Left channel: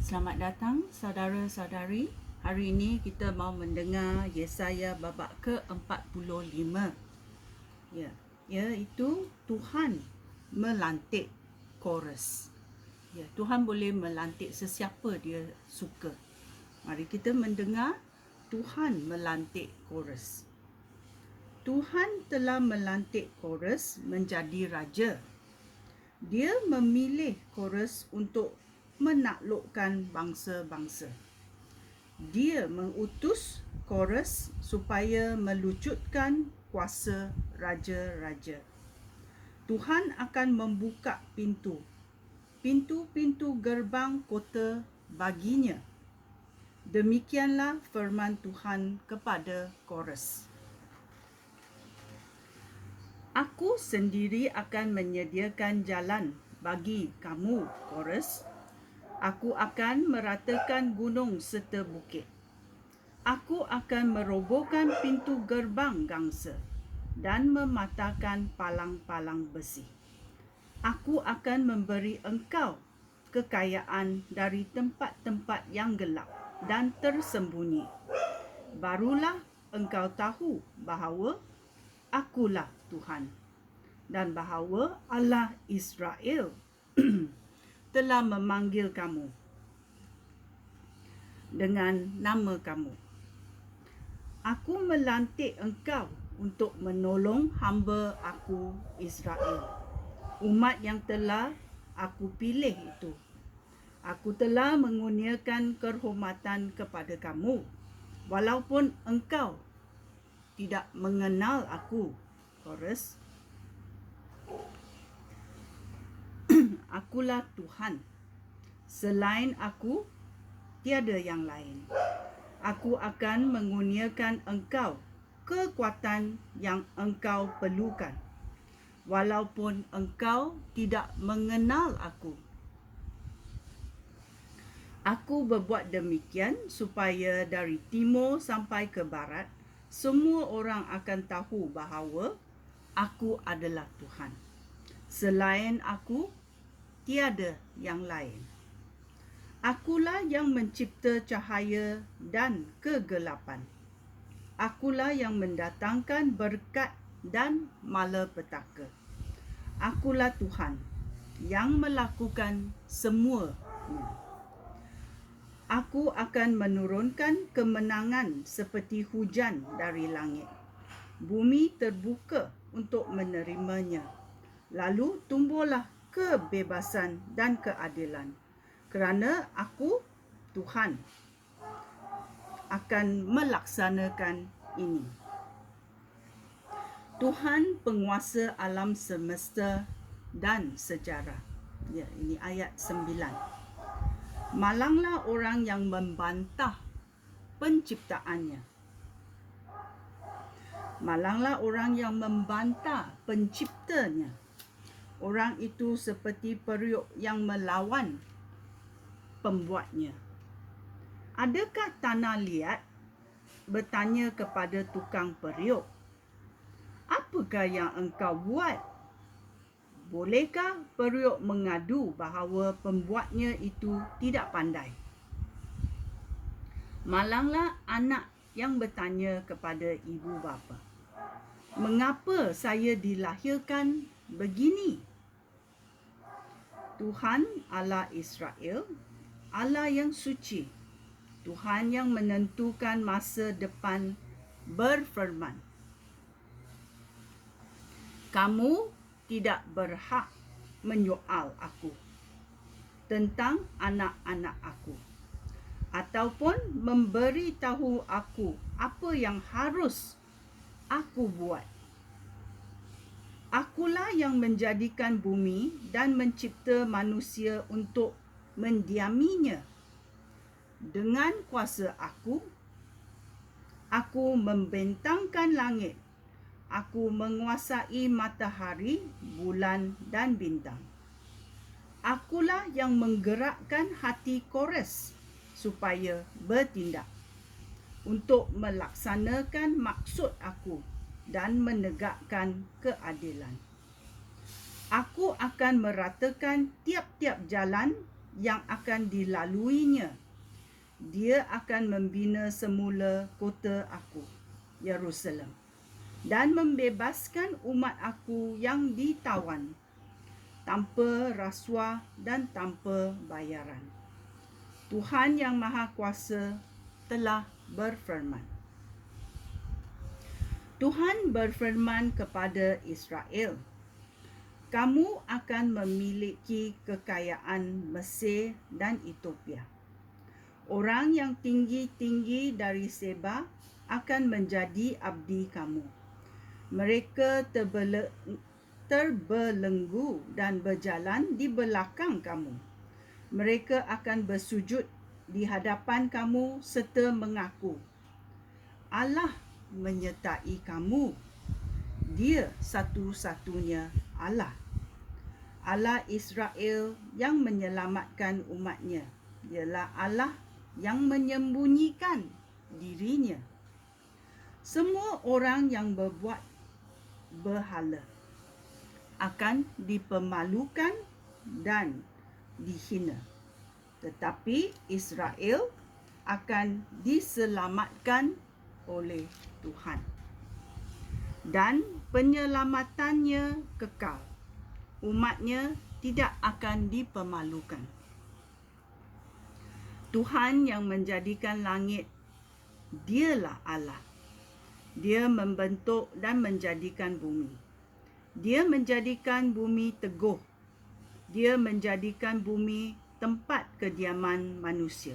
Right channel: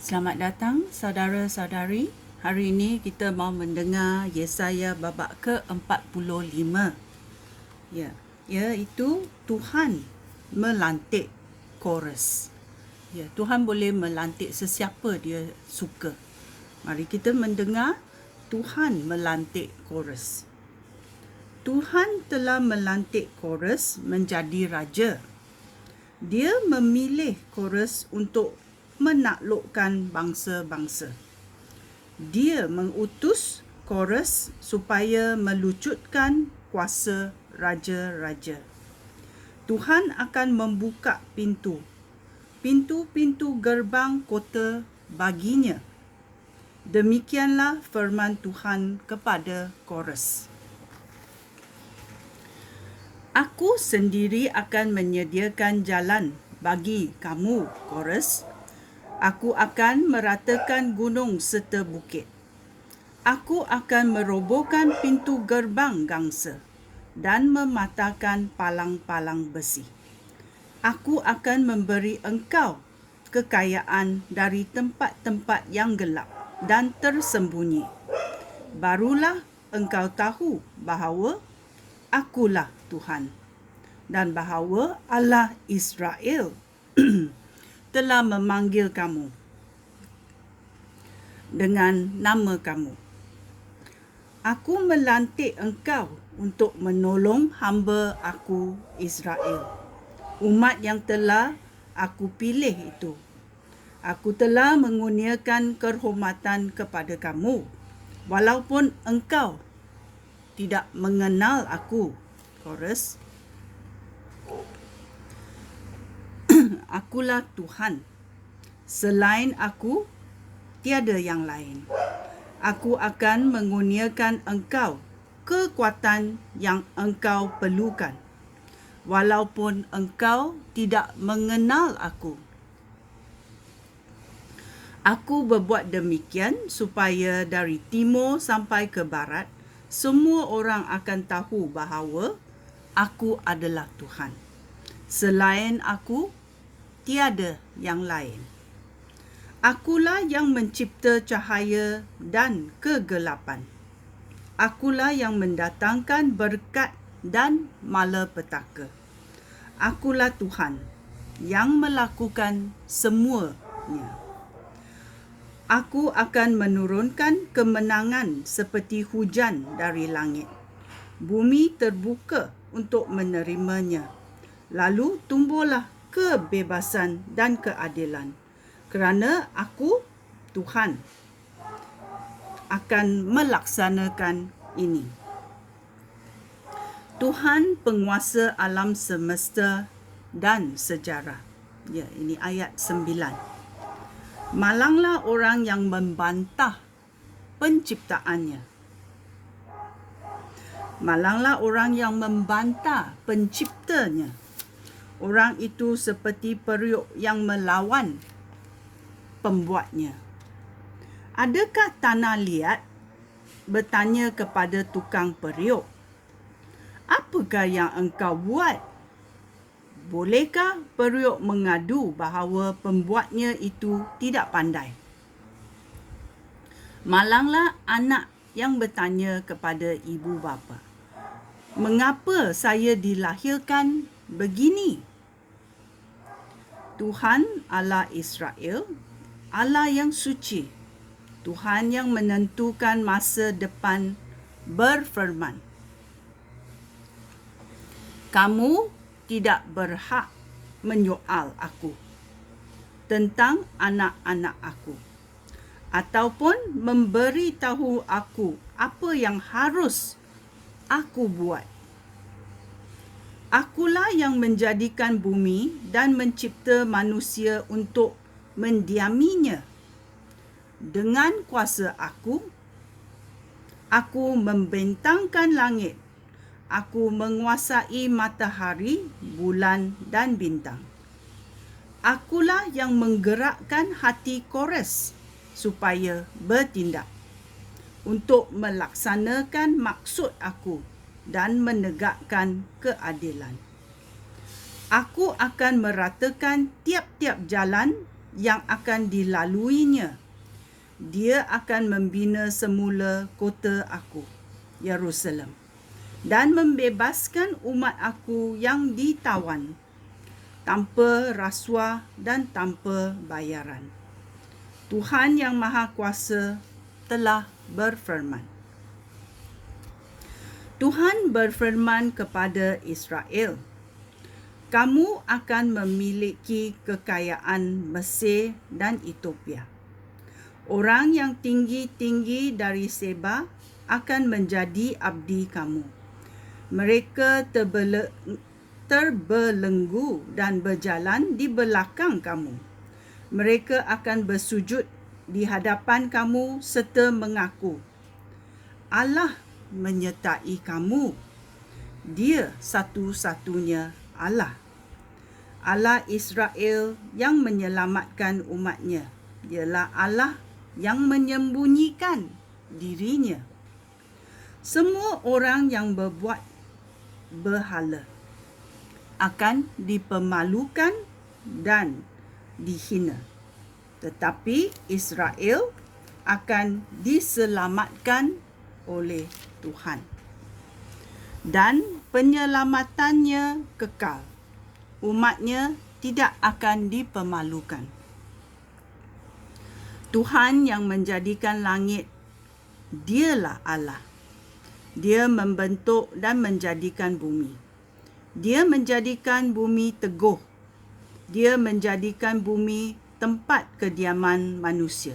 Selamat datang saudara-saudari. Hari ini kita mau mendengar Yesaya babak ke-45. Iaitu Tuhan melantik chorus. Tuhan boleh melantik sesiapa dia suka. Mari kita mendengar Tuhan melantik chorus. Tuhan telah melantik chorus menjadi raja. Dia memilih chorus untuk menaklukkan bangsa-bangsa. Dia mengutus chorus supaya melucutkan kuasa raja-raja. Tuhan akan membuka pintu-pintu gerbang kota baginya. Demikianlah firman Tuhan kepada chorus. Aku sendiri akan menyediakan jalan bagi kamu, chorus. Aku akan meratakan gunung serta bukit. Aku akan merobohkan pintu gerbang gangsa dan mematahkan palang-palang besi. Aku akan memberi engkau kekayaan dari tempat-tempat yang gelap dan tersembunyi. Barulah engkau tahu bahawa akulah Tuhan dan bahawa Allah Israel telah memanggil kamu dengan nama kamu. Aku melantik engkau untuk menolong hamba aku Israel, umat yang telah aku pilih itu. Aku telah mengurniakan kehormatan kepada kamu, walaupun engkau tidak mengenal aku. Chorus. Akulah Tuhan. Selain aku, tiada yang lain. Aku akan mengurniakan engkau kekuatan yang engkau perlukan, walaupun engkau tidak mengenal aku. Aku berbuat demikian supaya dari timur sampai ke barat, semua orang akan tahu bahawa aku adalah Tuhan. Selain aku, tiada yang lain. Akulah yang mencipta cahaya dan kegelapan. Akulah yang mendatangkan berkat dan malapetaka. Akulah Tuhan yang melakukan semuanya. Aku akan menurunkan kemenangan seperti hujan dari langit. Bumi terbuka untuk menerimanya. Lalu tumbuhlah kebebasan dan keadilan. Kerana aku, Tuhan, akan melaksanakan ini. Tuhan penguasa alam semesta dan sejarah. Ini ayat 9. Malanglah orang yang membantah penciptaannya. Malanglah orang yang membantah penciptanya. Orang itu seperti periuk yang melawan pembuatnya. Adakah tanah liat bertanya kepada tukang periuk, apakah yang engkau buat? Bolehkah periuk mengadu bahawa pembuatnya itu tidak pandai? Malanglah anak yang bertanya kepada ibu bapa, mengapa saya dilahirkan begini? Tuhan Allah Israel, Allah yang suci, Tuhan yang menentukan masa depan berfirman, kamu tidak berhak menyoal aku tentang anak-anak aku, ataupun memberitahu aku apa yang harus aku buat. Akulah yang menjadikan bumi dan mencipta manusia untuk mendiaminya. Dengan kuasa aku membentangkan langit. Aku menguasai matahari, bulan dan bintang. Akulah yang menggerakkan hati Kores supaya bertindak untuk melaksanakan maksud aku dan menegakkan keadilan. Aku akan meratakan tiap-tiap jalan yang akan dilaluinya. Dia akan membina semula kota aku, Yerusalem, dan membebaskan umat aku yang ditawan, tanpa rasuah dan tanpa bayaran. Tuhan Yang Maha Kuasa telah berfirman. Tuhan berfirman kepada Israel, kamu akan memiliki kekayaan Mesir dan Ethiopia. Orang yang tinggi-tinggi dari Seba akan menjadi abdi kamu. Mereka terbelenggu dan berjalan di belakang kamu. Mereka akan bersujud di hadapan kamu serta mengaku, Allah menyertai kamu. Dia satu-satunya Allah. Allah Israel yang menyelamatkan umatnya. Ialah Allah yang menyembunyikan dirinya. Semua orang yang berbuat berhala akan dipermalukan dan dihina. Tetapi Israel akan diselamatkan oleh Tuhan. Dan penyelamatannya kekal. Umatnya tidak akan dipermalukan. Tuhan yang menjadikan langit, dialah Allah. Dia membentuk dan menjadikan bumi. Dia menjadikan bumi teguh. Dia menjadikan bumi tempat kediaman manusia.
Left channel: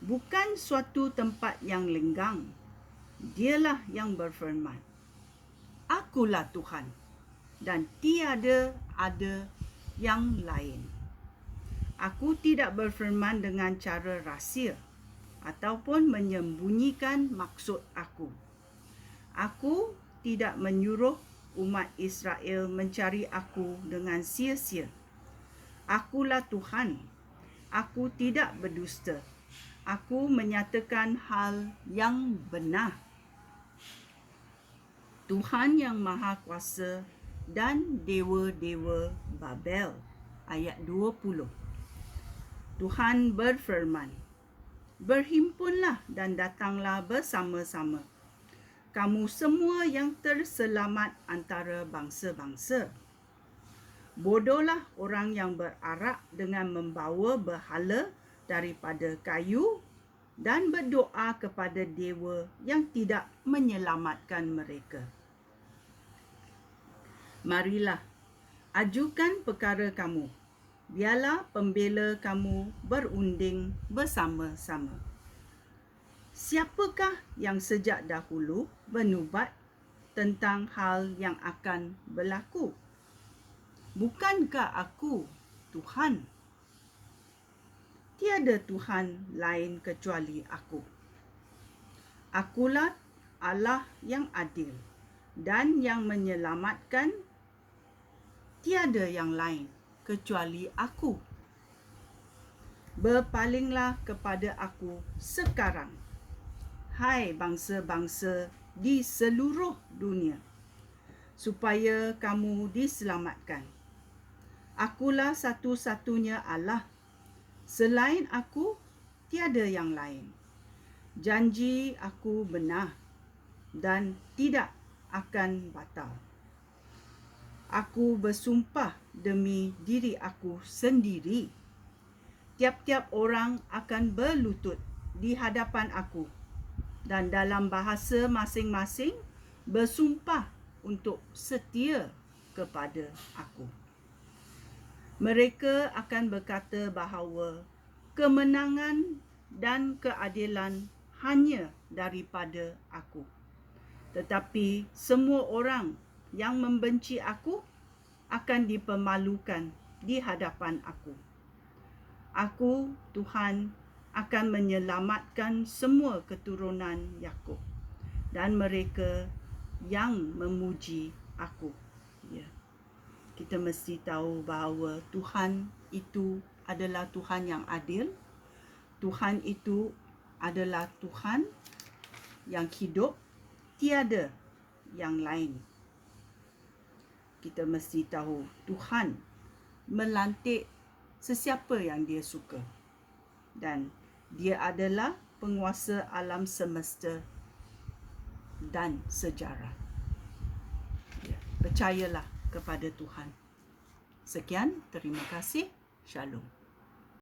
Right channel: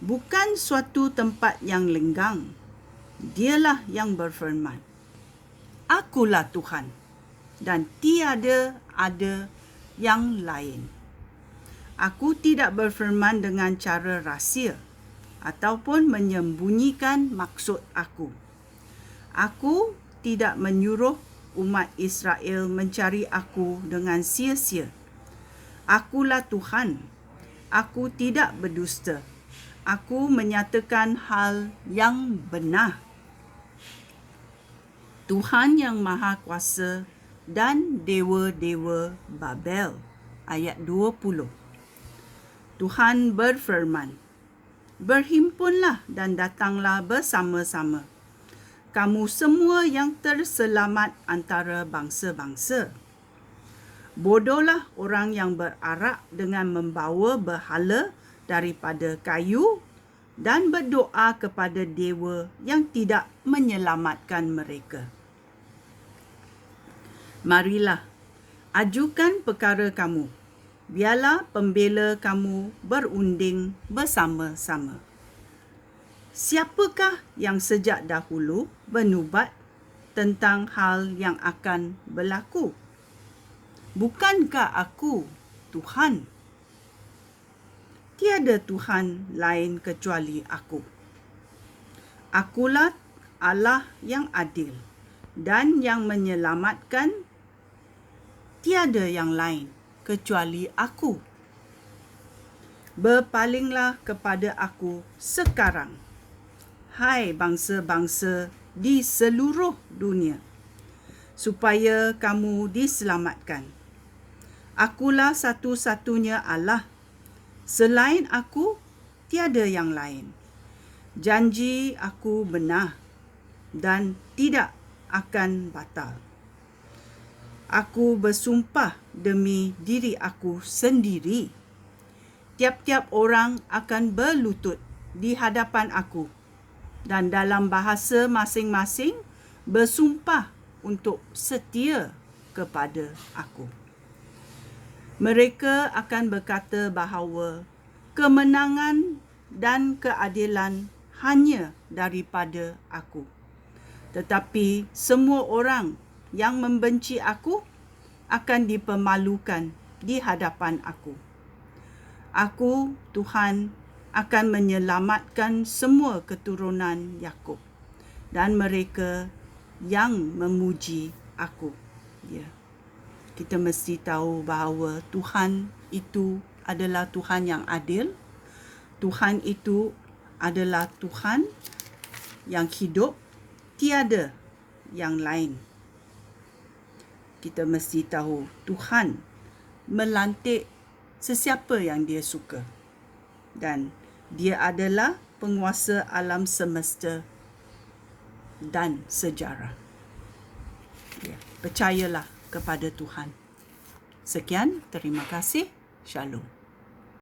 Bukan suatu tempat yang lenggang. Dialah yang berfirman, Akulah Tuhan, dan tiada ada yang lain. Aku tidak berfirman dengan cara rahsia ataupun menyembunyikan maksud aku. Aku tidak menyuruh umat Israel mencari aku dengan sia-sia. Akulah Tuhan. Aku tidak berdusta. Aku menyatakan hal yang benar. Tuhan Yang Maha Kuasa dan dewa-dewa Babel. Ayat 20. Tuhan berfirman, berhimpunlah dan datanglah bersama-sama, kamu semua yang terselamat antara bangsa-bangsa. Bodohlah orang yang berarak dengan membawa berhala daripada kayu dan berdoa kepada dewa yang tidak menyelamatkan mereka. Marilah, ajukan perkara kamu. Biarlah pembela kamu berunding bersama-sama. Siapakah yang sejak dahulu bernubat tentang hal yang akan berlaku? Bukankah aku Tuhan? Tiada Tuhan lain kecuali aku. Akulah Allah yang adil dan yang menyelamatkan. Tiada yang lain kecuali aku. Berpalinglah kepada aku sekarang, hai bangsa-bangsa di seluruh dunia, supaya kamu diselamatkan. Akulah satu-satunya Allah. Selain aku, tiada yang lain. Janji aku benar dan tidak akan batal. Aku bersumpah demi diri aku sendiri. Tiap-tiap orang akan berlutut di hadapan aku dan dalam bahasa masing-masing bersumpah untuk setia kepada aku. Mereka akan berkata bahawa kemenangan dan keadilan hanya daripada aku. Tetapi semua orang yang membenci aku akan dipermalukan di hadapan aku. Aku, Tuhan, akan menyelamatkan semua keturunan Yakub dan mereka yang memuji aku. Ya. Kita mesti tahu bahawa Tuhan itu adalah Tuhan yang adil. Tuhan itu adalah Tuhan yang hidup, tiada yang lain. Kita mesti tahu Tuhan melantik sesiapa yang dia suka. Dan dia adalah penguasa alam semesta dan sejarah. Ya, percayalah kepada Tuhan. Sekian, terima kasih. Shalom.